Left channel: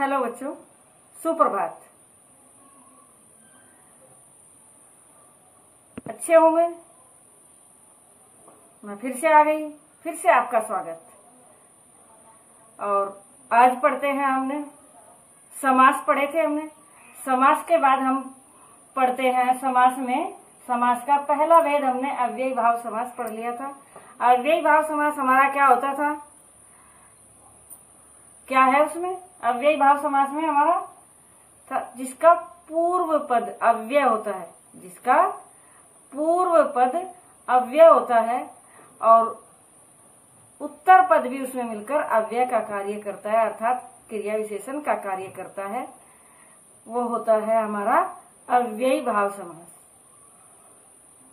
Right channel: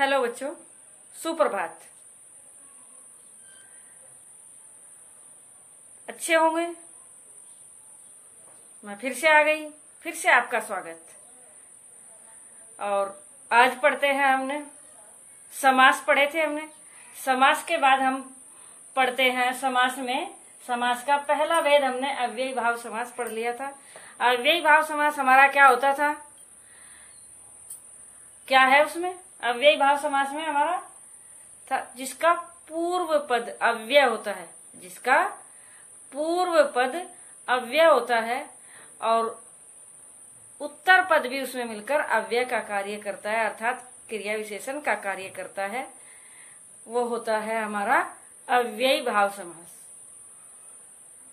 Hello बच्चों, सुप्रभात। अच्छे होंगे। मैं फिर से आ गई, फिर से आपका स्वागत। और आज पढ़ते हैं, हमने समास पढ़े थे। हमने समास के बाद हम पढ़ते हैं समास में समास का पहला भेद। हमने अव्ययी भाव समास पढ़ लिया था। अव्ययी भाव समास हमारा क्या होता था, क्या है उसमें? अव्ययी भाव समास में हमारा जिसका पूर्व पद अव्यय होता है, जिसका पूर्व पद अव्यय होता है और उत्तर पद भी उसमें मिलकर अव्यय का कार्य करता है, अर्थात क्रिया विशेषण का कार्य करता है, वो होता है हमारा अव्ययी भाव समास।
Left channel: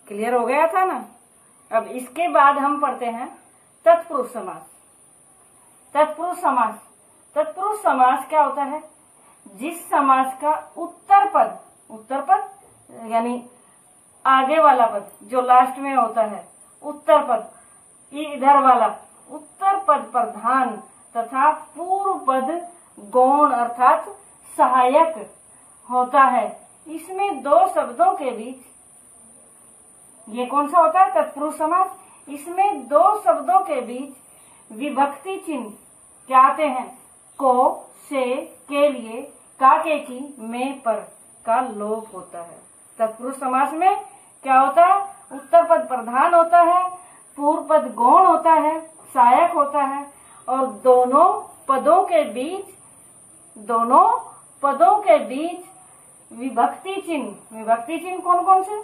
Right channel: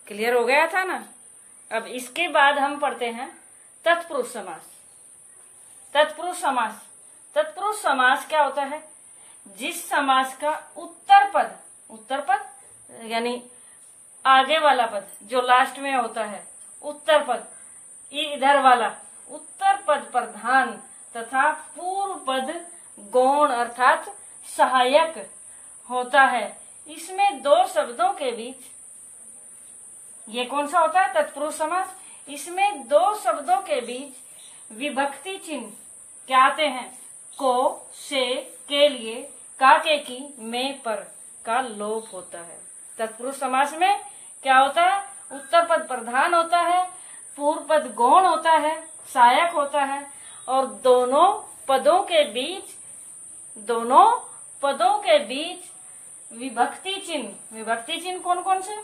क्लियर हो गया था ना? अब इसके बाद हम पढ़ते हैं तत्पुरुष समास। तत्पुरुष समास, तत्पुरुष समास क्या होता है? जिस समास का उत्तर पद यानी आगे वाला पद जो लास्ट में होता है, उत्तर पद इधर वाला उत्तर पद प्रधान तथा पूर्व पद गौण अर्थात सहायक होता है। इसमें दो शब्दों के बीच, ये कौन सा होता है? तत्पुरुष समास। इसमें दो शब्दों के बीच विभक्ति चिन्ह क्या आते हैं? को, से, के लिए, का, के, की, में, पर का लोप होता है। तत्पुरुष समास में क्या होता है? उत्तर पद प्रधान होता है, पूर्व पद गौण होता है, सहायक होता है, और दोनों पदों के बीच विभक्ति चिन्ह कौन कौन से?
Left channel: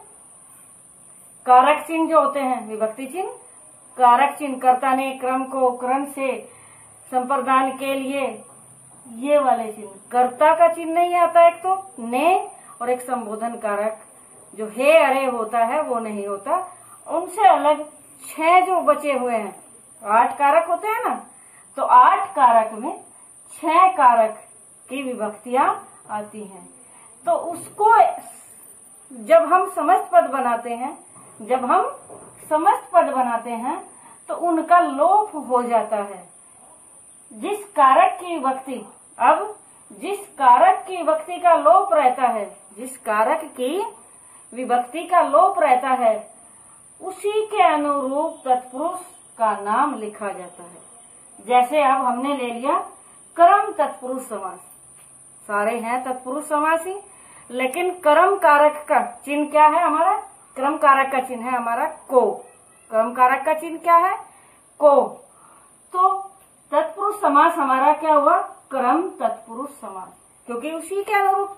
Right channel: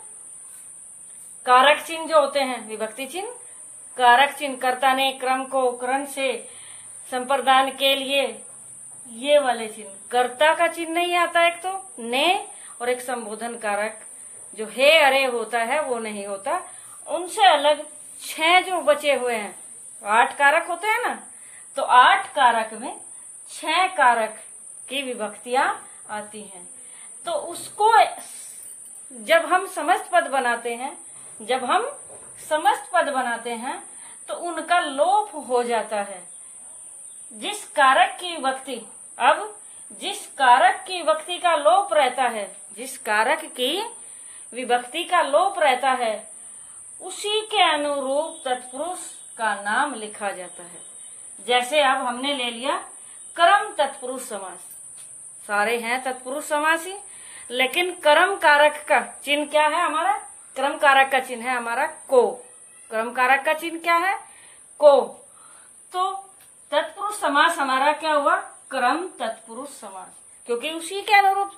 कारक चिन्ह जो होते हैं, विभक्ति चिन्ह, कारक चिन्ह, कर्ता ने क्रम को करण से संप्रदान के लिए, ये वाले चिन्ह। कर्ता का चिन्ह नहीं आता, एक तो ने, और एक संबोधन कारक जो हे अरे होता है वो नहीं होता। उनसे अलग 6 जो बचे हुए हैं, 8 कारक होते हैं ना, तो 8 कारक में 6 कारक की विभक्तियां आती हैं। तो उसको जब हम समस्त पद बनाते हैं तो उनका लोप हो जाता है। जिस कारक की विभक्ति का लोप रहता है, जिस कारक की विभक्ति का लोप रहता है, उसी के अनुरूप तत्पुरुष का नाम लिखा जाता है। जैसे अब हमने ले लिया कर्म तत्पुरुष समास। सारे हैं तत्पुरुष समास ही, लेकिन कर्म कारक का चिन्ह क्या है हमारा? कर्म कारक का चिन्ह है हमारा को। कर्म कारक का चिन्ह क्या है? को। तो तत्पुरुष समास हमारा क्या हुआ? कर्म तत्पुरुष समास, क्योंकि उसी के अनुरूप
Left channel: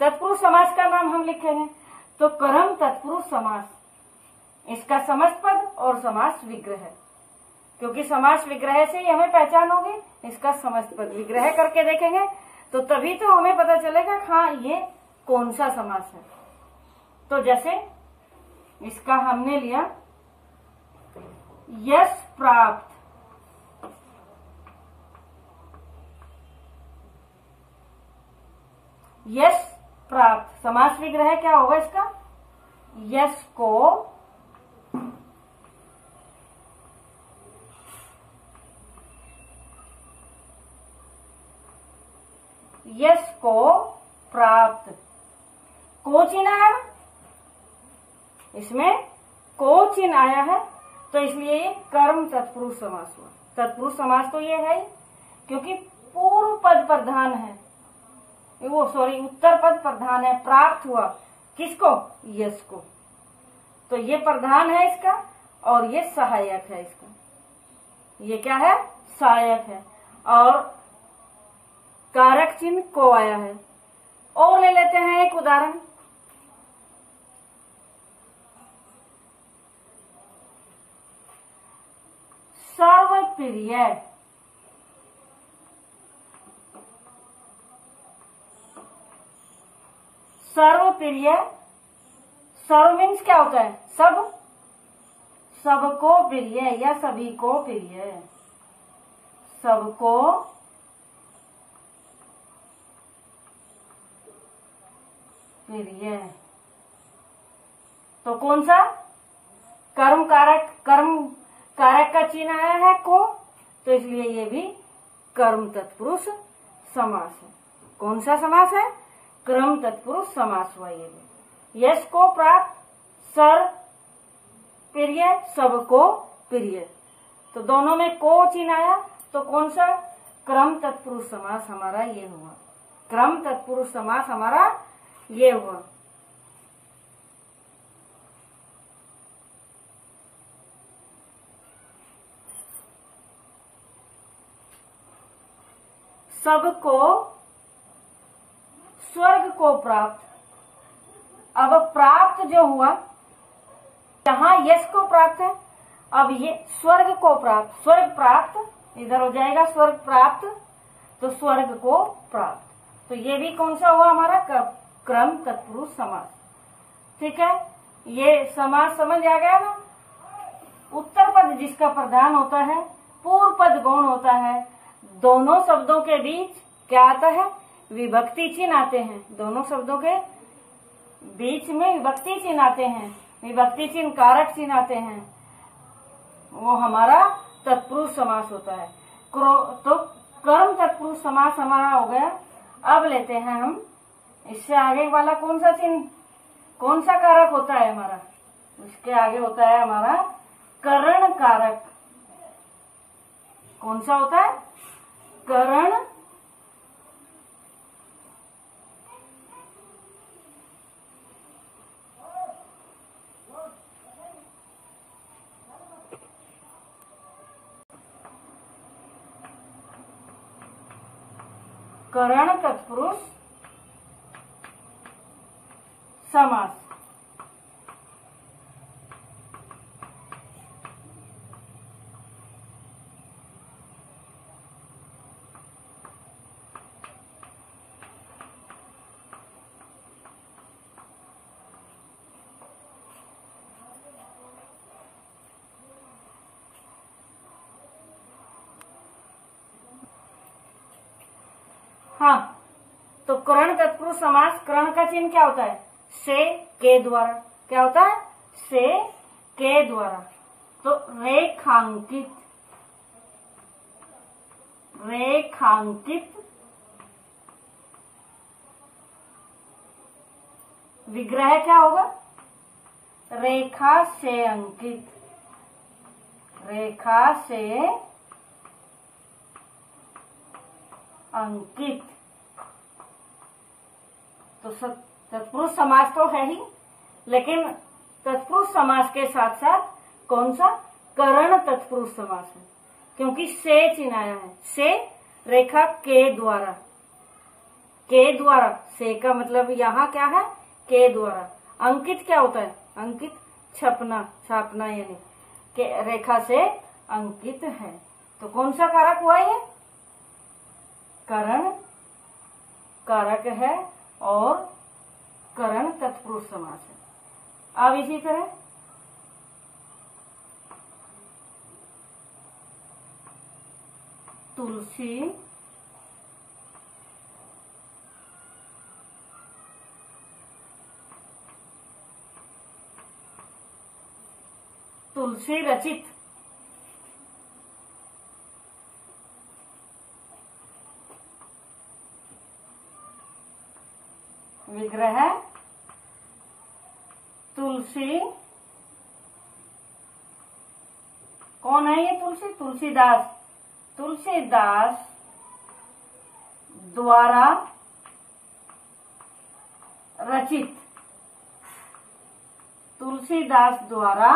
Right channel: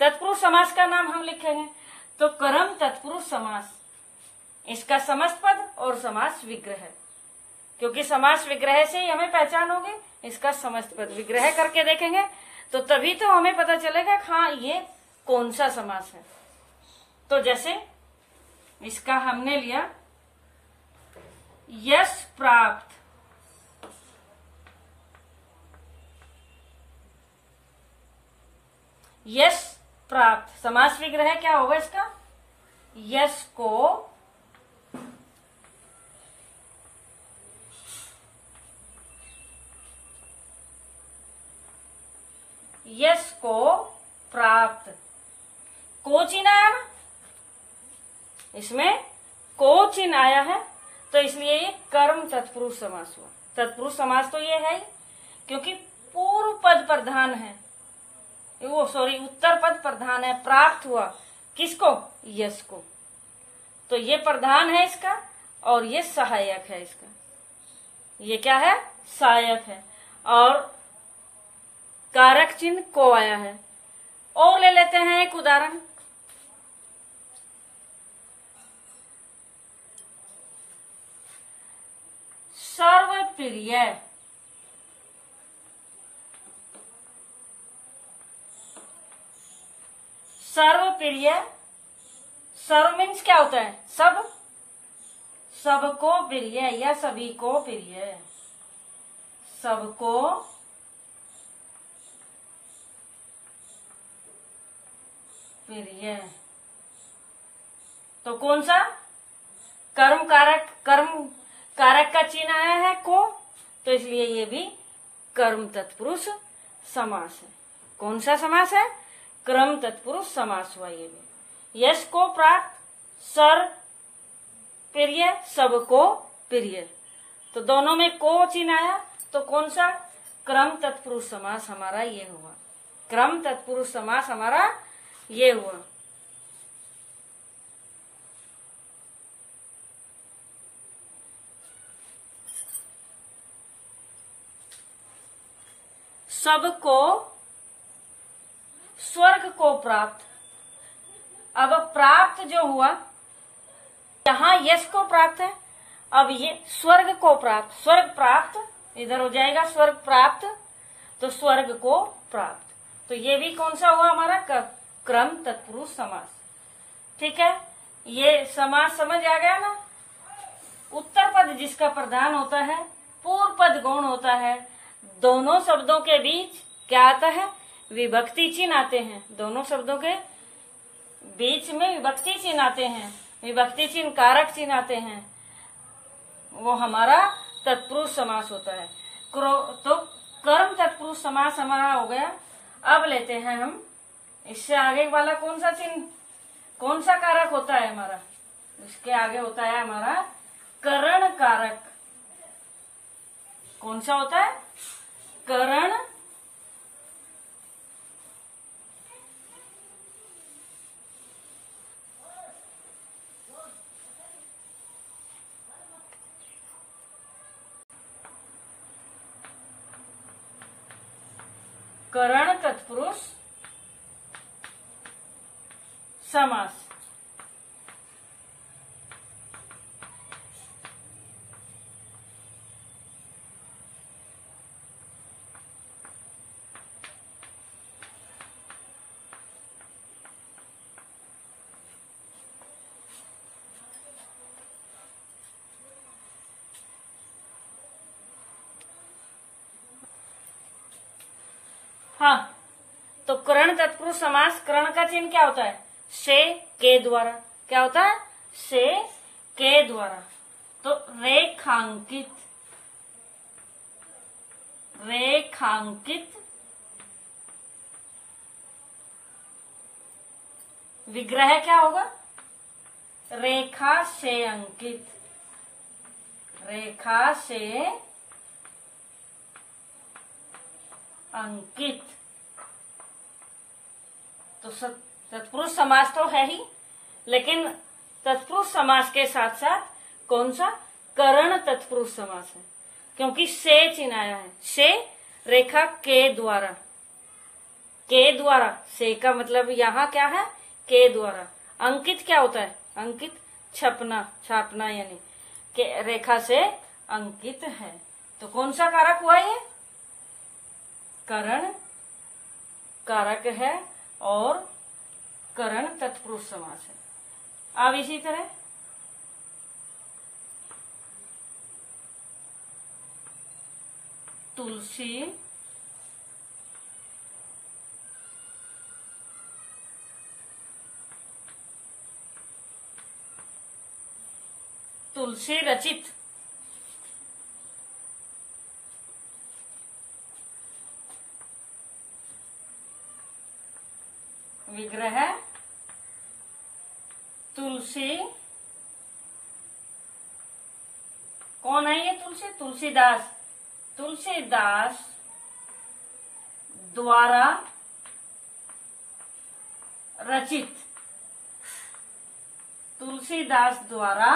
तत्पुरुष समास का नाम हम लिखेंगे। तो कर्म तत्पुरुष समास, इसका समस्त पद और समास विग्रह, क्योंकि समास विग्रह से ही हमें पहचान होगी। इसका समस्त पद विग्रह करके देखेंगे तो तभी तो हमें पता चलेगा हाँ ये कौन सा समास है। तो जैसे इसका हमने लिया यश प्राप्त, यश प्राप्त, समास विग्रह क्या होगा इसका? यश को प्राप्त। को चिन्ह आया ना, इसमें को चिन्ह आया है, तो इसलिए ये कर्म तत्पुरुष समास हुआ। तत्पुरुष समास तो ये है ही, क्योंकि पूर्व पद प्रधान है, उत्तर पद प्रधान है। प्राप्त हुआ किसको? यश को। तो ये प्रधान है इसका, और ये सहायक है इसका। ये क्या है? सहायक है, और कारक चिन्ह को आया है। और ले लेते हैं एक उदाहरण। सर्वप्रिय, सर्वप्रिय, सर्व मीन्स क्या होता है? सब, सबको प्रिय या सभी को प्रिय, सबको प्रिय। तो कौन सा? कर्म कारक का चिन्ह आया है को, तो इसलिए ये भी कर्म तत्पुरुष समास है। कौन सा समास है? क्रम तत्पुरुष समास हुआ ये भी। यश को प्राप्त, सर प्रिय, सबको प्रिय, तो दोनों में को चिन्ह आया, तो कौन सा? क्रम तत्पुरुष समास हमारा ये हुआ। क्रम तत्पुरुष समास हमारा ये हुआ। सबको स्वर्ग को प्राप्त। अब प्राप्त जो हुआ, यहाँ यश को प्राप्त है, अब ये स्वर्ग को प्राप्त, स्वर्ग प्राप्त इधर हो जाएगा, स्वर्ग प्राप्त, तो स्वर्ग को प्राप्त, तो ये भी कौन सा हुआ हमारा? क्रम तत्पुरुष समास। ठीक है, ये समास समझ आ गया ना। उत्तर पद जिसका प्रधान होता है, पूर्व पद गौण होता है, दोनों शब्दों के बीच क्या आता है? विभक्ति चिन्ह आते हैं। दोनों शब्दों के बीच में विभक्ति चिन्ह आते हैं, विभक्ति चिन्ह कारक चिन्ह आते हैं, वो हमारा तत्पुरुष समास होता है। तो कर्म तत्पुरुष समास हमारा हो गया। अब लेते हैं हम इससे आगे वाला कौन सा चिन्ह, कौन सा कारक होता है हमारा? उसके आगे होता है हमारा करण कारक। कौन सा होता है? करण करण तत्पुरुष समास। हाँ, तो करण तत्पुरुष समास, करण का चिन्ह क्या होता है? से, के द्वारा। क्या होता है? से, के द्वारा। तो रेखांकित, रेखांकित, विग्रह क्या होगा? रेखा से अंकित, रेखा से अंकित। तो तत्पुरुष समास तो है ही, लेकिन तत्पुरुष समास के साथ साथ कौन सा? करण तत्पुरुष समास है, क्योंकि से चिन्ह आया है। से रेखा के द्वारा, के द्वारा, से का मतलब यहाँ क्या है? के द्वारा। अंकित क्या होता है? अंकित छपना, छापना, यानी के रेखा से अंकित है। तो कौन सा कारक हुआ ये? करण कारक है और करण तत्पुरुष समास है। अब इसी तरह तुलसी, तुलसी रचित, विग्रह तुलसी। कौन है ये तुलसी? तुलसीदास, तुलसीदास द्वारा रचित, तुलसीदास द्वारा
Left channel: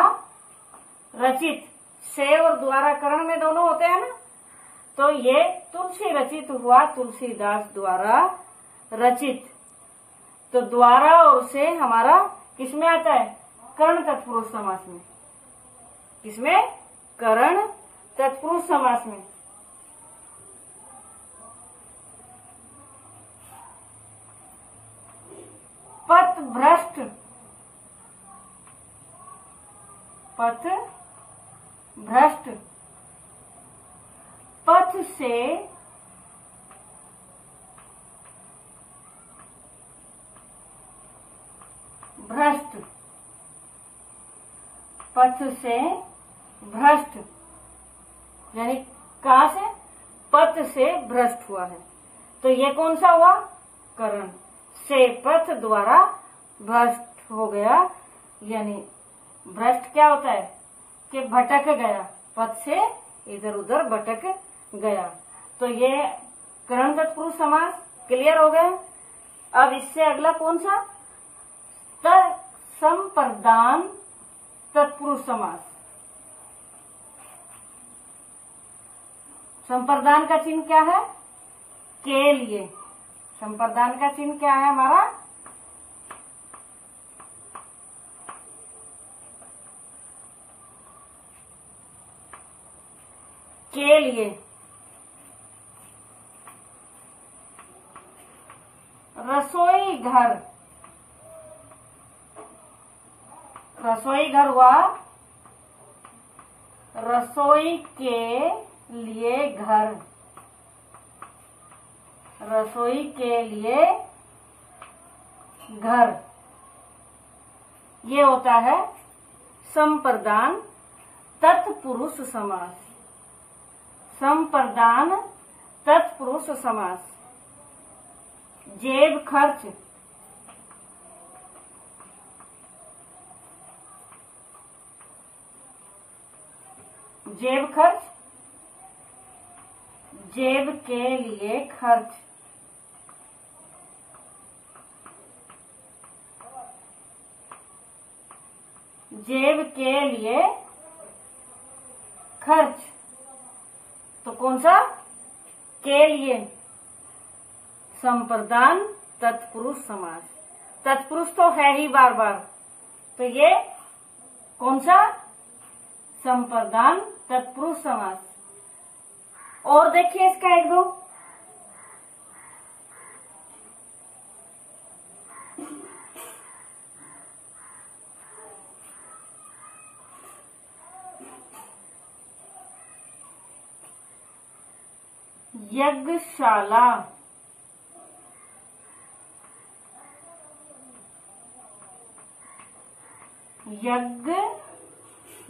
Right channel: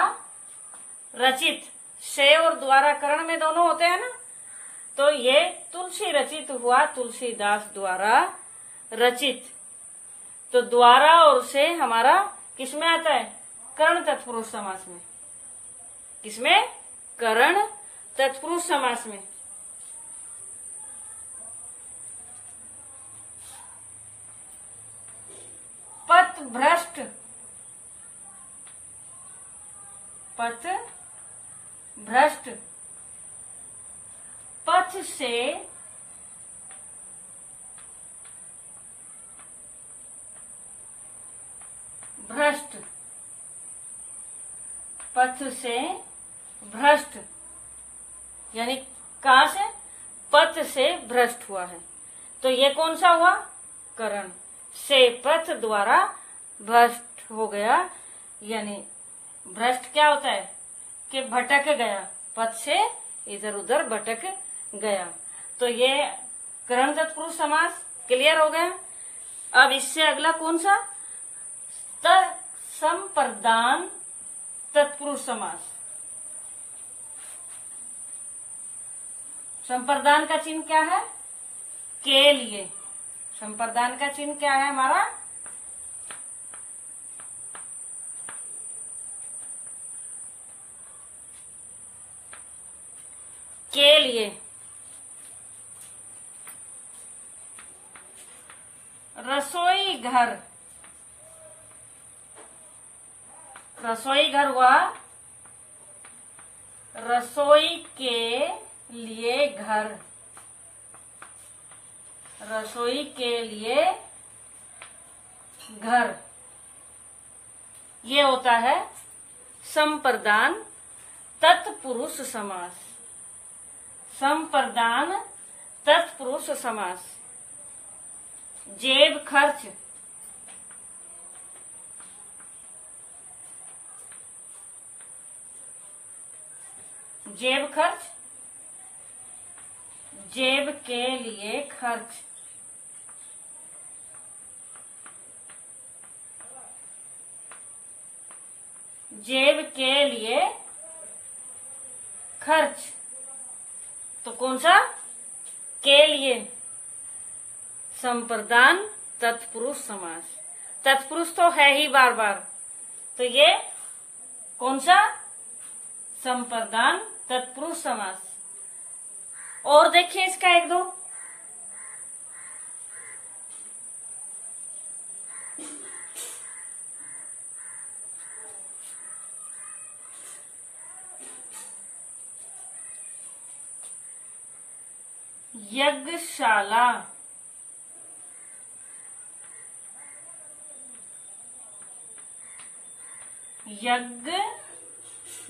रचित। से और द्वारा करण में दोनों होते हैं ना, तो ये तुलसी रचित हुआ, तुलसीदास द्वारा रचित। तो द्वारा और से हमारा किसमें आता है? कर्ण तत्पुरुष समास में। किसमें? कर्ण तत्पुरुष समास में। पथ भ्रष्ट, पथ भ्रष्ट, पथ से भ्रष्ट, पथ से भ्रष्ट, यानी कहां से? पथ से भ्रष्ट हुआ है। तो ये कौन सा हुआ? करण। से पथ द्वारा भ्रष्ट हो गया, यानी भ्रष्ट क्या होता है कि भटक गया, पथ से इधर उधर भटक गया। तो ये करण तत्पुरुष समास क्लियर हो गया। अब इससे अगला कौन सा? संप्रदान तत्पुरुष समास। संप्रदान का चिन्ह क्या है? के लिए। संप्रदान का चिन्ह क्या है हमारा? के लिए। रसोई घर, रसोई घर हुआ रसोई के लिए घर, रसोई के लिए घर, ये होता है संप्रदान तत्पुरुष समास। संप्रदान तत्पुरुष समास। जेब खर्च, जेब खर्च, जेब के लिए खर्च, जेब के लिए खर्च। तो कौन सा? के लिए। संप्रदान तत्पुरुष समास। तत्पुरुष तो है ही बार बार, तो ये कौन सा? संप्रदान तत्पुरुष समास। और देखिए इसका एक दो। यज्ञशाला,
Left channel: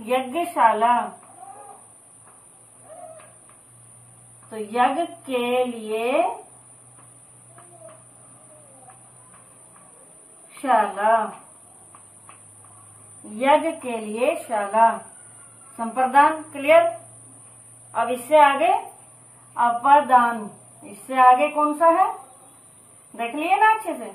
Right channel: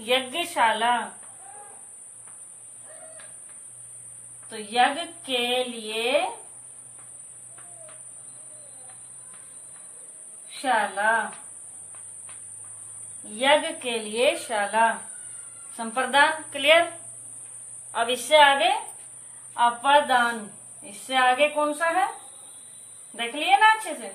यज्ञशाला। तो यज्ञ के लिए शाला, यज्ञ के लिए शाला। संप्रदान क्लियर। अब इससे आगे अपादान। इससे आगे कौन सा है? देख लिए ना अच्छे से।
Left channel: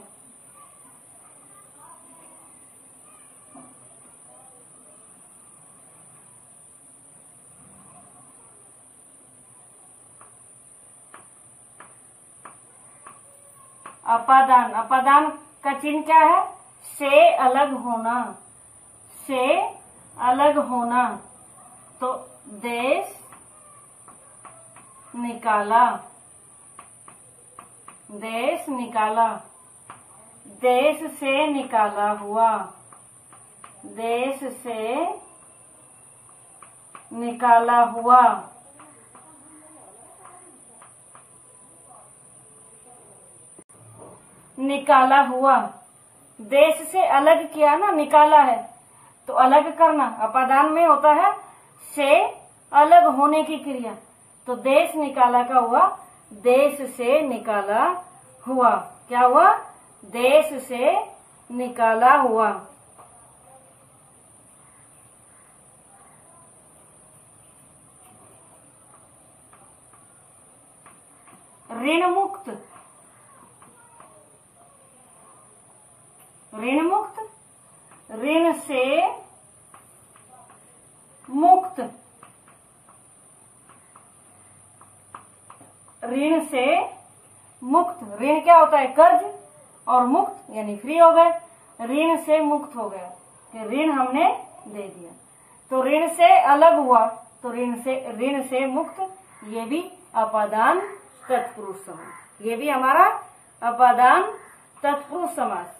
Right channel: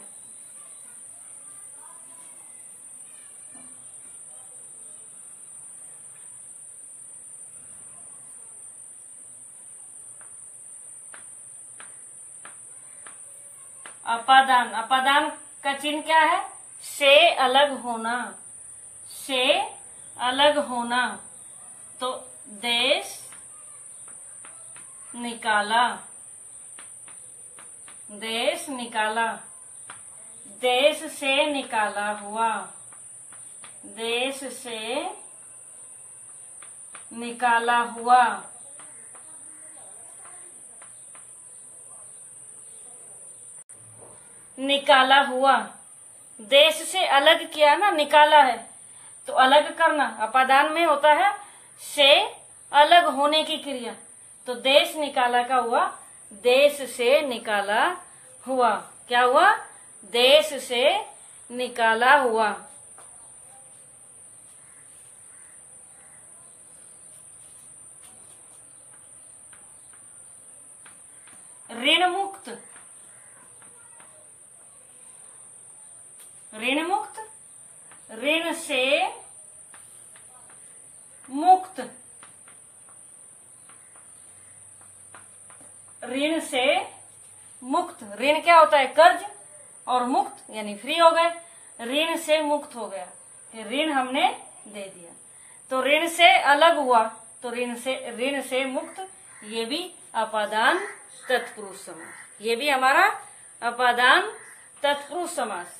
अपादान। अपादान का चिन्ह क्या है? से अलग होना, से अलग होना। तो देश निकाला, देश निकाला, देश से निकाला हुआ, देश से निकाला हुआ। निकाला हुआ, देश से अलग किया ना, निकाला है तो अलग करना। अपादान में होता है से अलग होने की क्रिया। तो देश निकाला का हुआ देश से निकाला हुआ। क्या हुआ? देश से निकाला हुआ। ऋण मुक्त, ऋण मुक्त, ऋण से मुक्त, ऋण से मुक्त। ऋण क्या होता है? कर्ज, और मुक्त यानी फ्री हो गए। ऋण से मुक्त हो गया, ऋण हमने दे दिया तो ऋण से अलग हुआ, तो ऋण से मुक्त। ये भी अपादान तत्पुरुष समास, ये भी हमारा अपादान तत्पुरुष समास।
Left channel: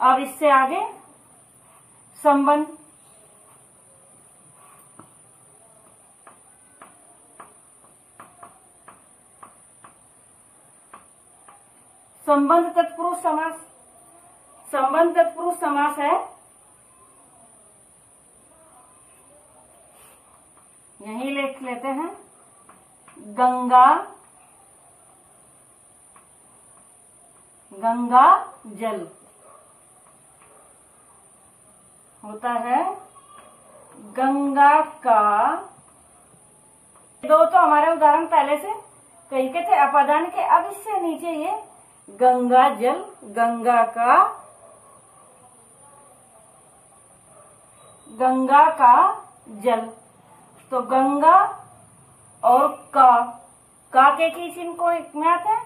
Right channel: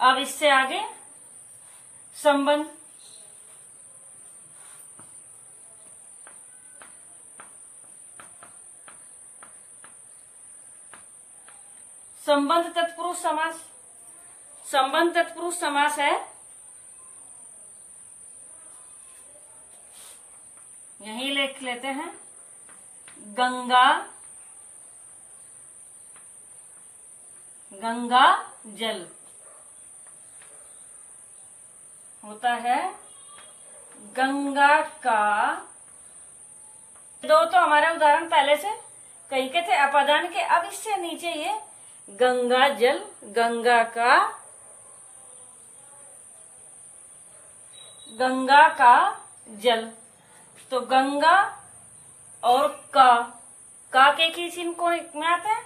अब इससे आगे संबंध। संबंध तत्पुरुष समास। संबंध तत्पुरुष समास है, यही लिख लेते हैं। गंगा गंगा जल होता है गंगा का। दो तो हमारे उदाहरण पहले से कहीं के थे अपादान के। अब इससे नीचे ये गंगा जल, गंगा का जल। तो गंगा और का के किस चिन्ह को में आते हैं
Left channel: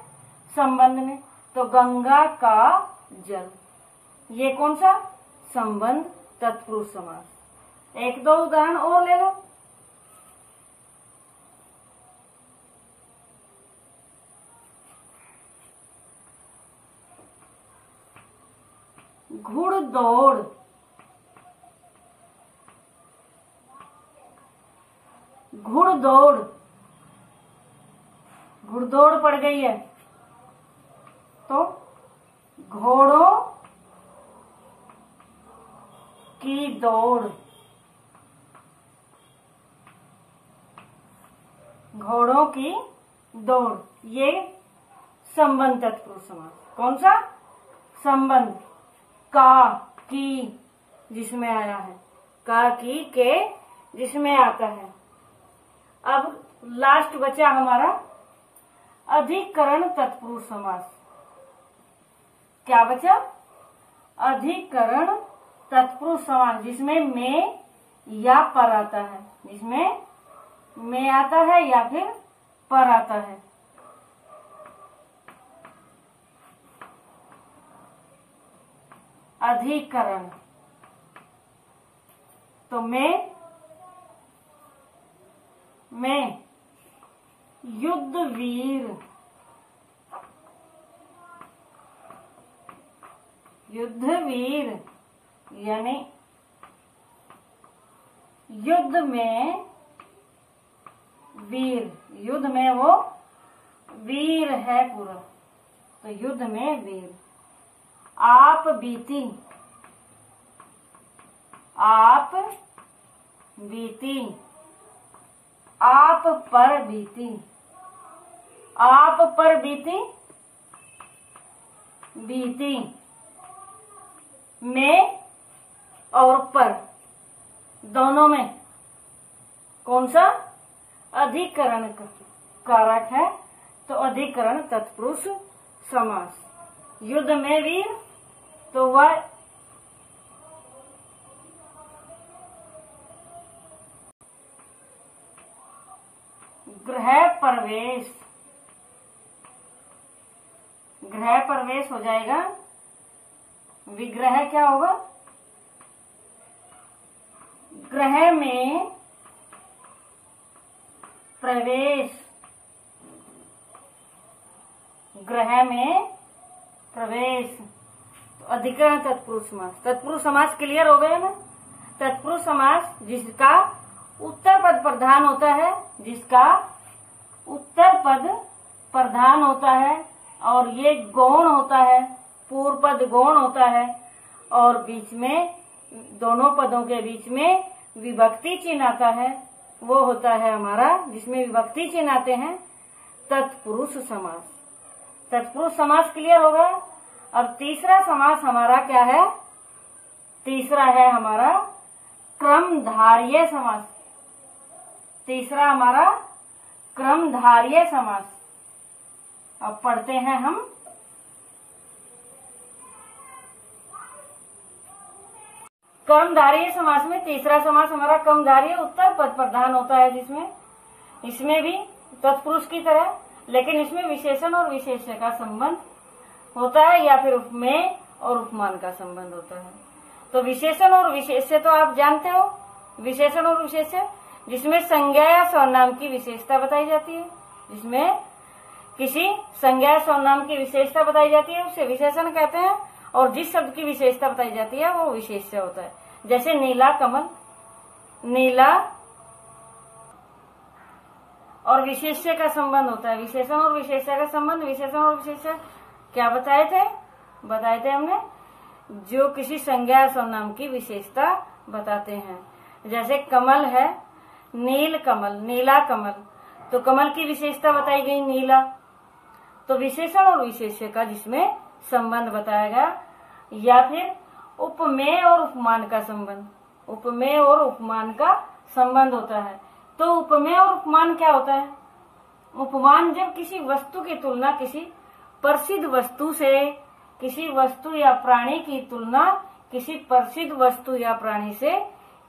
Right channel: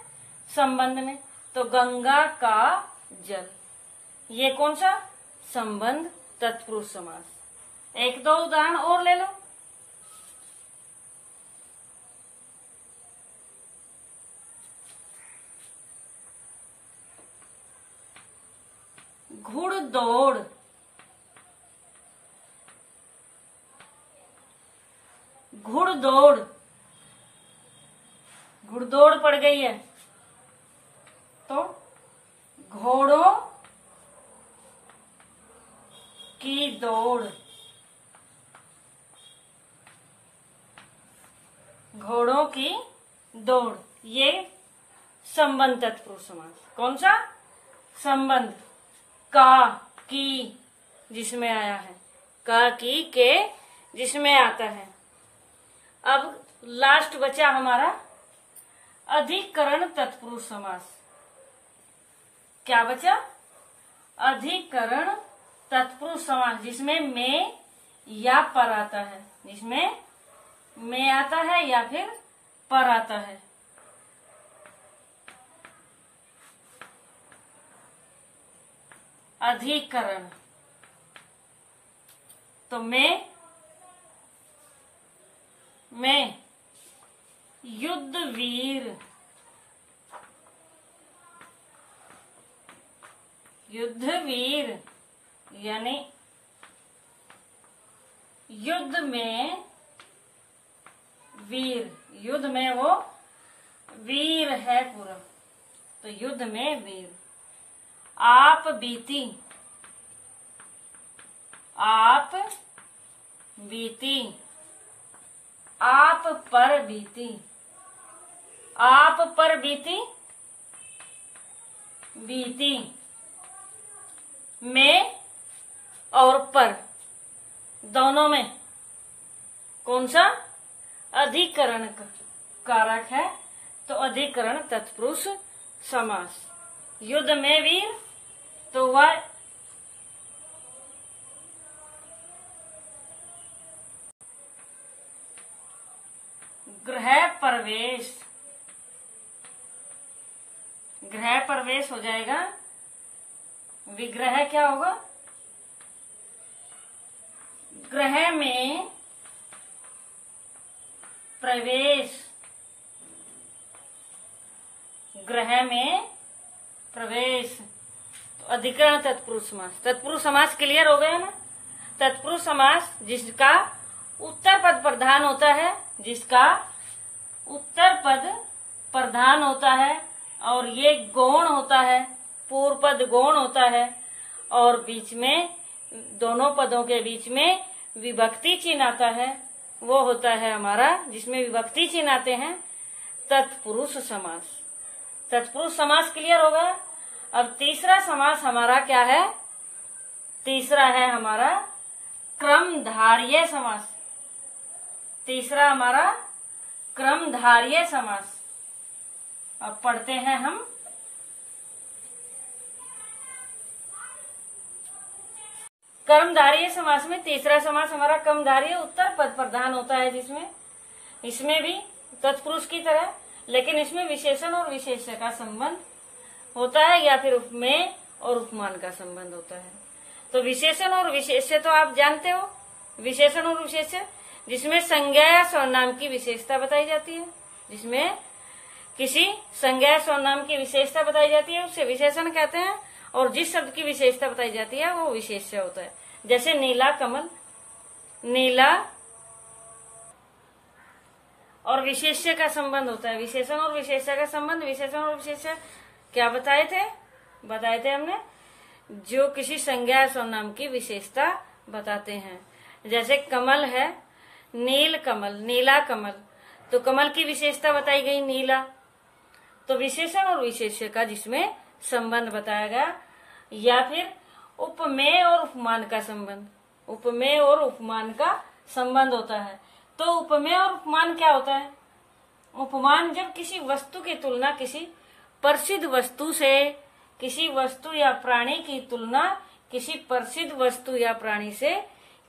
संबंध में, तो गंगा का जल, ये कौन सा संबंध तत्पुरुष समास। एक दो उदाहरण और ले लो। घुड़दौड़, घुड़दौड़, घुड़दौड़ पड़ गई है तो घोड़ों की दौड़, घोड़ों की दौड़, ये संबंध तत्पुरुष समास। कौन सा संबंध, का की जिसमें आया है, का की के जिसमें आता है। अब लास्ट बचा हमारा अधिकरण तत्पुरुष समास। क्या बचा, अधिकरण तत्पुरुष समास, जिसमें में या पर आता है, जिसमें में आता है या फिर पर आता है। अधिकरण तो में युद्धवीर, युद्धवीर यानी युद्ध में वीर, युद्ध में वो वीर है पूरा, तो युद्ध में वीर। आप बीती, आप बीती, आप पर बीती, आप पर बीती, बीती। में और पर दोनों में कौन सा अधिकरण का कारक है, तो अधिकरण तत्पुरुष समास। युद्ध में वीर तो वह गृह प्रवेश, गृह प्रवेश हो जाएगा। विग्रह क्या होगा, गृह में प्रवेश, गृह में प्रवेश। तो अधिकरण तत्पुरुष समास, तत्पुरुष समास क्लियर हो गया ना। तत्पुरुष समास जिसका उत्तर पद प्रधान होता है, जिसका उत्तर पद प्रधान होता है और ये गौण होता है, पूर्व पद गौण होता है और बीच में दोनों पदों के बीच में विभक्ति चिन्ह आता है, वो होता है हमारा जिसमें विभक्ति चिन्ह आते हैं तत्पुरुष समास। तत्पुरुष समास क्लियर होगा। अब तीसरा समास हमारा क्या है, तीसरा है हमारा क्रमधार्य समास। तीसरा हमारा क्रमधार्य समास। अब पढ़ते हैं हम। कर्मधारय समास में तीसरा समास हमारा कर्मधारय उत्तर पद प्रधान होता है, जिसमें इसमें भी तत्पुरुष की तरह, लेकिन इसमें विशेषण और विशेष्य का संबंध होता है या फिर उपमेय और उपमान का संबंध होता है। तो विशेषण और विशेष्य तो आप जानते हो, विशेषण और विशेष्य जिसमें संज्ञा या सर्वनाम की विशेषता बताई जाती है, जिसमें किसी संज्ञा या सर्वनाम की विशेषता बताई जाती है उसे विशेषण कहते हैं, और जिस शब्द की विशेषता बताई जाती है वो विशेष्य होता है। जैसे नीला कमल, नीला और विशेष्य का संबंध होता है, विशेषण और विशेष्य का संबंध। विशेषण और विशेष्य क्या बताए थे हमने, जो किसी संज्ञा या सर्वनाम की विशेषता बताते हैं। जैसे कमल है, नील कमल, नीला कमल, तो कमल की विशेषता बताई गई नीला। तो विशेषण और विशेष्य का जिसमें संबंध बताया गया, या फिर उपमेय और उपमान का संबंध। उपमेय और उपमान का संबंध होता है। तो उपमेय और उपमान क्या होता है? उपमान जब किसी वस्तु की तुलना किसी प्रसिद्ध वस्तु से, किसी वस्तु या प्राणी की तुलना किसी प्रसिद्ध वस्तु या प्राणी से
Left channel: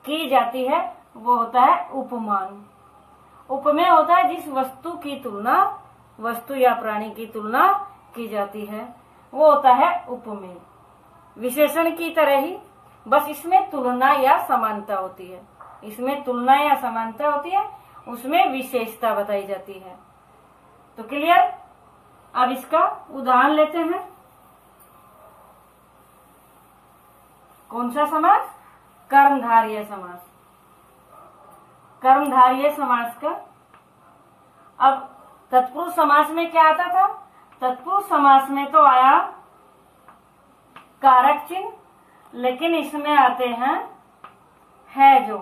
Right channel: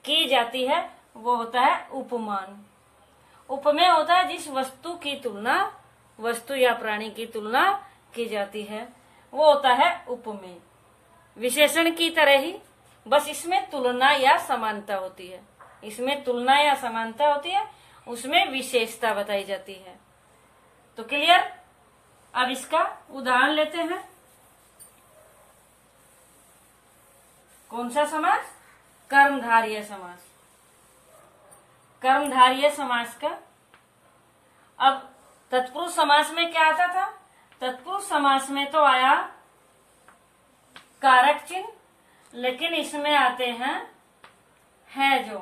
की जाती है, वो होता है उपमान। उपमेय होता है जिस वस्तु की तुलना, वस्तु या प्राणी की तुलना की जाती है, वो होता है उपमेय। विशेषण की तरह ही, बस इसमें तुलना या समानता होती है। इसमें तुलना या समानता होती है, उसमें विशेषता बताई जाती है। तो क्लियर? अब इसका उदाहरण लेते हैं। कौन सा समास? कर्मधारय समास। कर्मधारय समास का अब तत्पुरुष समास में क्या आता था? तत्पुरुष समास में तो आया कारक चिन्ह, लेकिन इसमें आते हैं है जो।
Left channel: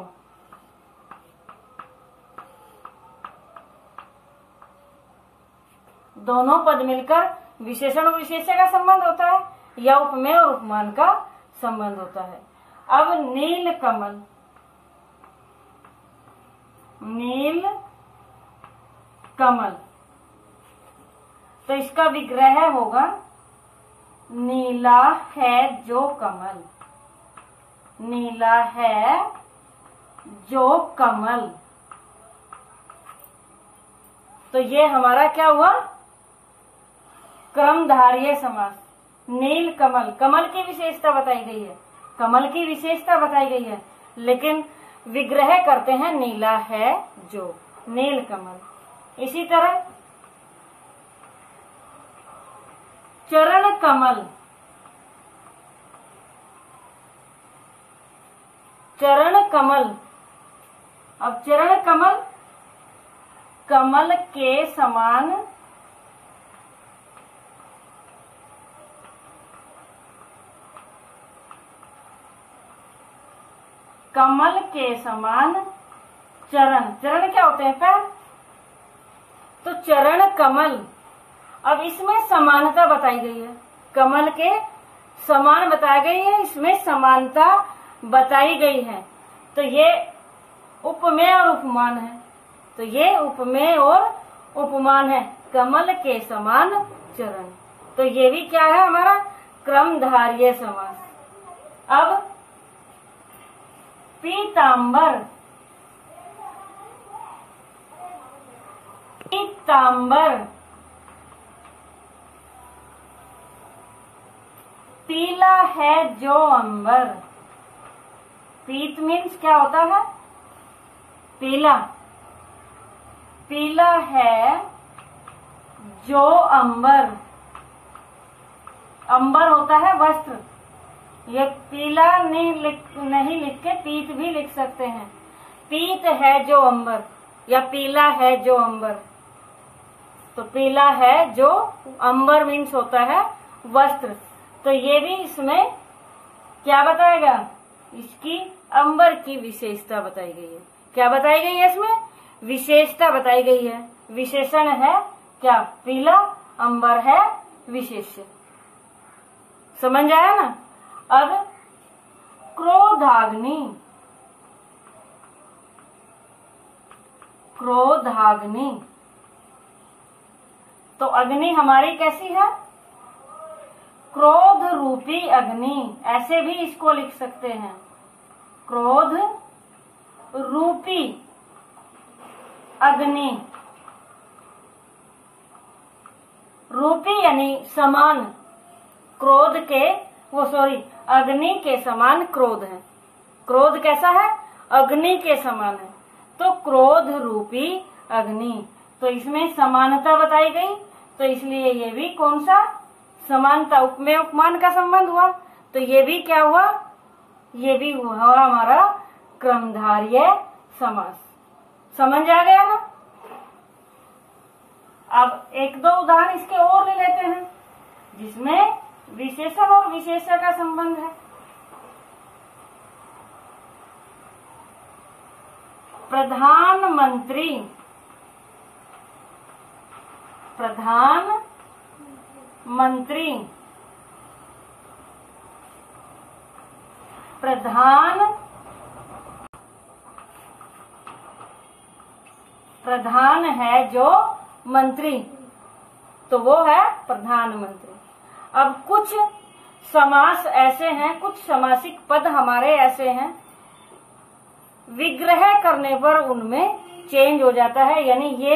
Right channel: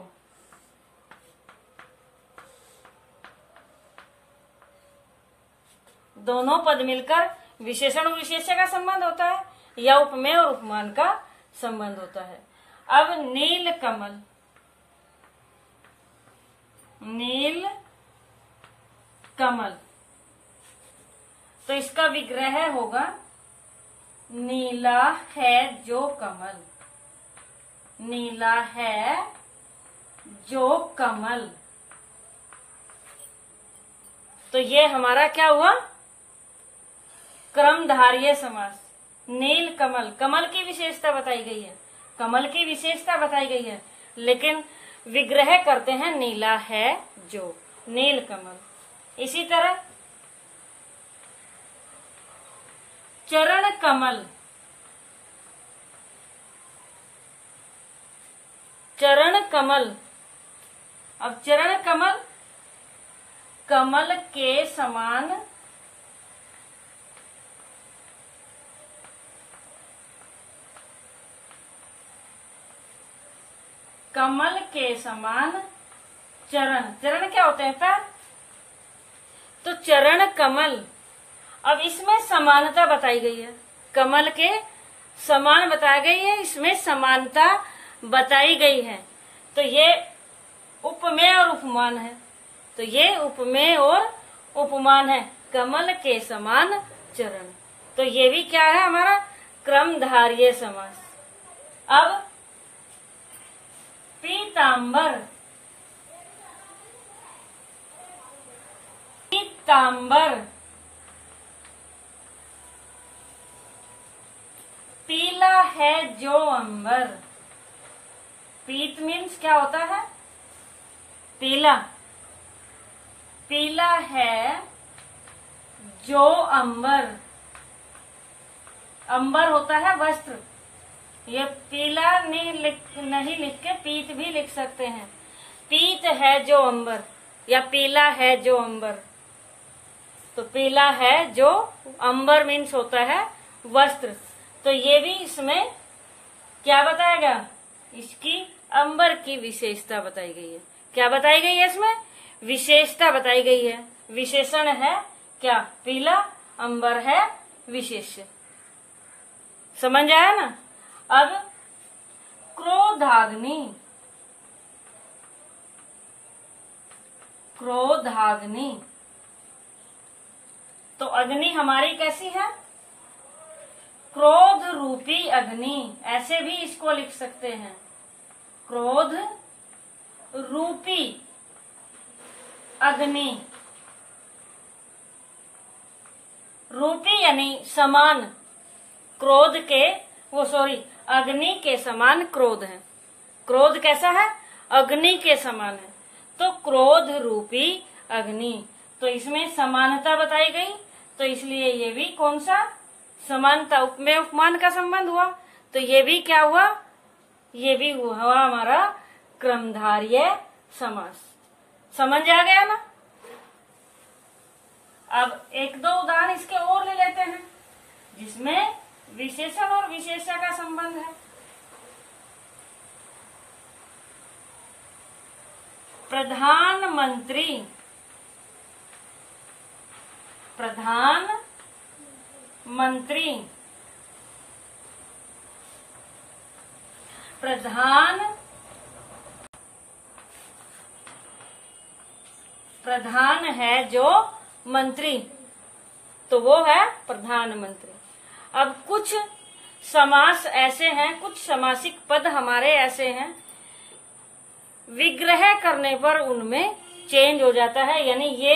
दोनों पद मिलकर विशेषण और विशेष्य का संबंध होता है, या उपमेय और उपमान का संबंध होता है। अब नील कमल, नील कमल, तो इसका विग्रह होगा नीला है जो कमल। नीला है जो कमल। तो ये हमारा क्या हुआ? क्रमधारय समास। नील कमल, कमल की विशेषता बताई गई है, कमल की विशेषता बताई गई है, लेकिन विग्रह करते हैं नीला है जो, नील कमल। इसी तरह चरण कमल, चरण कमल। अब चरण कमल, कमल के समान कमल के समान चरण। चरण क्या होते हैं? पैर। तो चरण कमल, अब इसमें समानता बताई गई है, कमल के समान बताई गई है, इसमें समानता बताई गई है। तो ये उपमेय और उपमान है। तो ये उपमेय और उपमान है, कमल के समान चरण। तो ये भी क्या है? हमारा क्रमधारय समास। अब पीतांबर, पीतांबर, पीला है जो अंबर। पीत मीन्स क्या होता है? पीला। पीला है जो अंबर। अंबर होता है वस्त्र। ये पीला नहीं लिख के पीत भी लिख सकते हैं। पीत है जो अंबर या पीला है जो अंबर। तो पीला है जो अंबर मीन्स होता है वस्त्र। तो ये भी इसमें क्या बताएगा? इसकी अंबर की विशेषता बताई गई है। क्या बताई गई है? इसमें विशेषता बताई गई है। विशेषण है क्या? पीला, अंबर है विशेष्य। समझ आया ना? अब क्रोधाग्नि, क्रोधाग्नि, तो अग्नि हमारी कैसी है? क्रोध रूपी अग्नि, ऐसे भी इसको लिख सकते हैं, क्रोध रूपी अग्नि। रूपी यानी समान, क्रोध के अग्नि के समान क्रोध है। क्रोध कैसा है? अग्नि के समान है। तो क्रोध रूपी अग्नि, तो इसमें समानता बताई गई। तो इसलिए ये भी कौन सा? समानता, उपमेय उपमान का संबंध हुआ। तो ये भी क्या हुआ? ये भी हुआ हमारा क्रमधारय समास। समझ आ गया ना? अब एक दो उदाहरण इसके और ले लेते हैं जिसमें विशेषण और विशेष्य का संबंध है। प्रधानमंत्री, प्रधानमंत्री, प्रधान है जो मंत्री, तो वो है प्रधानमंत्री। अब कुछ समास ऐसे हैं, कुछ समासिक पद हमारे ऐसे हैं, विग्रह करने पर उनमें चेंज हो जाता है। यानी ये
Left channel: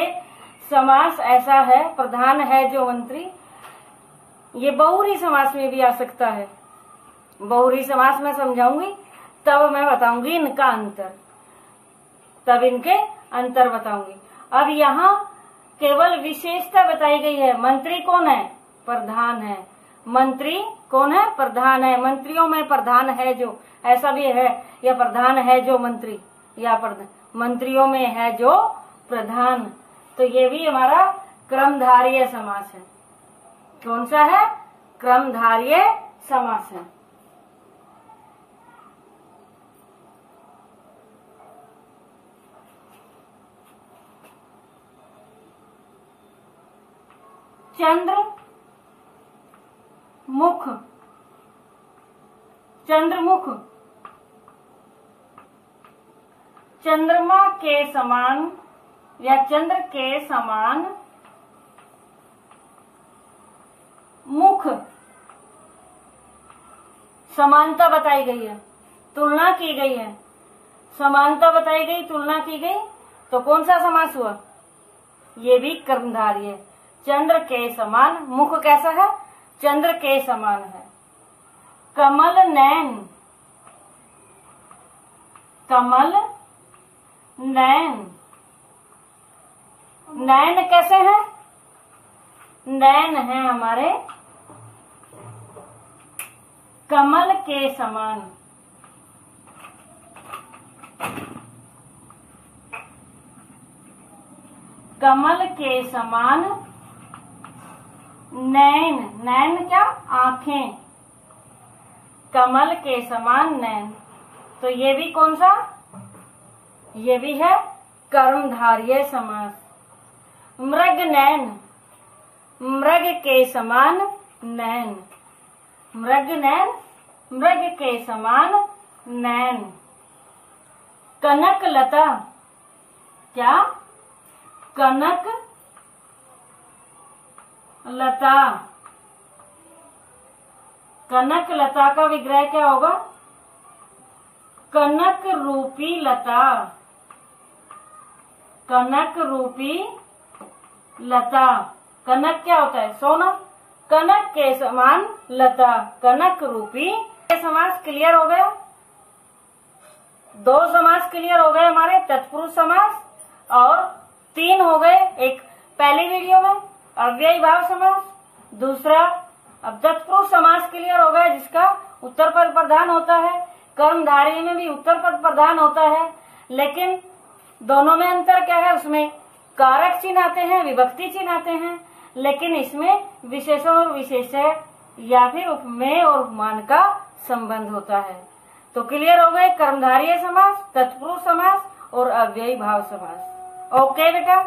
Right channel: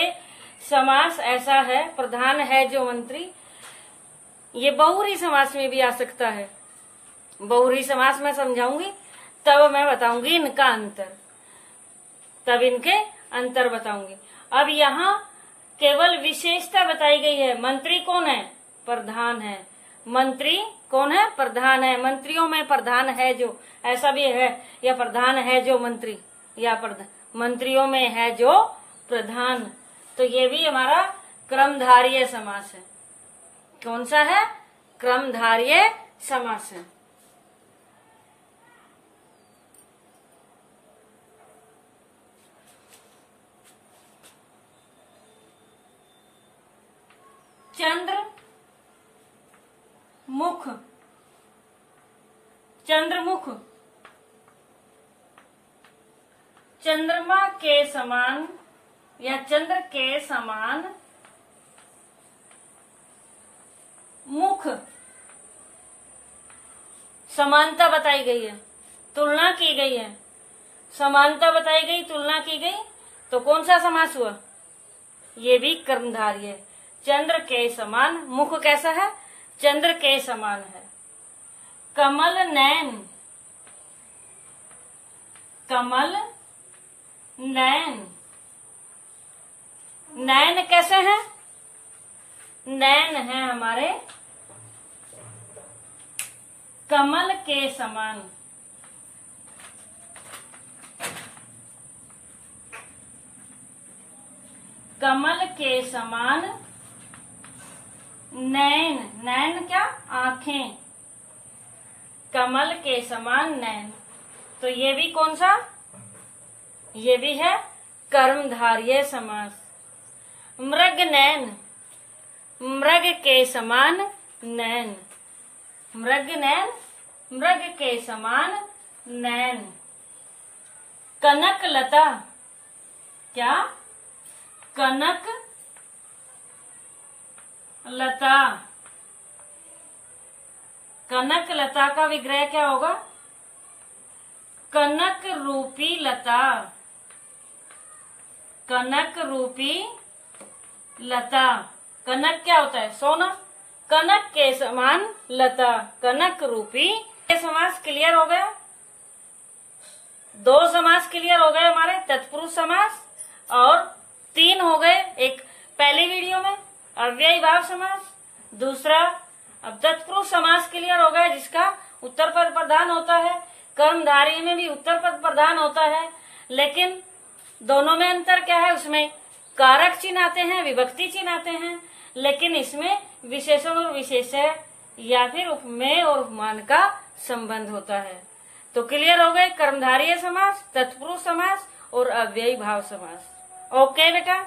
समास ऐसा है, प्रधान है जो मंत्री, ये बहुव्रीहि समास में भी आ सकता है। बहुव्रीहि समास में समझाऊंगी, तब मैं बताऊंगी इनका अंतर, तब इनके अंतर बताऊंगी। अब यहाँ केवल विशेषता बताई गई है। मंत्री कौन है? प्रधान है। मंत्री कौन है? प्रधान है। मंत्रियों में प्रधान है जो, ऐसा भी है, या प्रधान है जो मंत्री, या मंत्रियों में है जो प्रधान। तो ये भी हमारा क्रमधारय समास है। कौन सा है? क्रमधारय समास है। चंद्रमुख, चंद्रमुख, चंद्रमा के समान या चंद्र के समान मुख, समानता बताई गई है, तुलना की गई है। समानता बताई गई, तुलना की गई, तो कौन सा समास हुआ? ये भी कर्मधारय है। चंद्र के समान, मुख कैसा है? चंद्र के समान है। कमल नैन, कमल नैन, नैन कैसे हैं? नैन है हमारे कमल के समान। कमल के समान नैन, नैन क्या? आंखें, कमल के समान नैन। तो ये भी कौन सा? ये भी है कर्मधारय समास। मृग नैन, मृग के समान नैन, मृग नैन, मृग के समान नैन। कनक लता, क्या? कनक लता, कनक लता का विग्रह क्या होगा? कनक रूपी लता, कनक रूपी लता। कनक क्या होता है? सोना। कनक के समान लता, कनक रूपी। ये समास क्लियर हो गया। दो समास क्लियर हो गए हमारे, तत्पुरुष समास, और 3 हो गए एक पहली वीडियो में, अव्ययी भाव समास, दूसरा अब तत्पुरुष समास क्लियर हो गया जिसका उत्तर पद प्रधान होता है। कर्मधारय में भी उत्तर पद प्रधान होता है, लेकिन दोनों में अंतर क्या है? उसमें कारक चिन्ह आते हैं, विभक्ति चिन्ह आते हैं, लेकिन इसमें विशेषण और विशेष्य या फिर उपमेय और उपमान का संबंध होता है। तो क्लियर हो गए कर्मधारय समास, तत्पुरुष समास और अव्ययी भाव समास। ओके बेटा।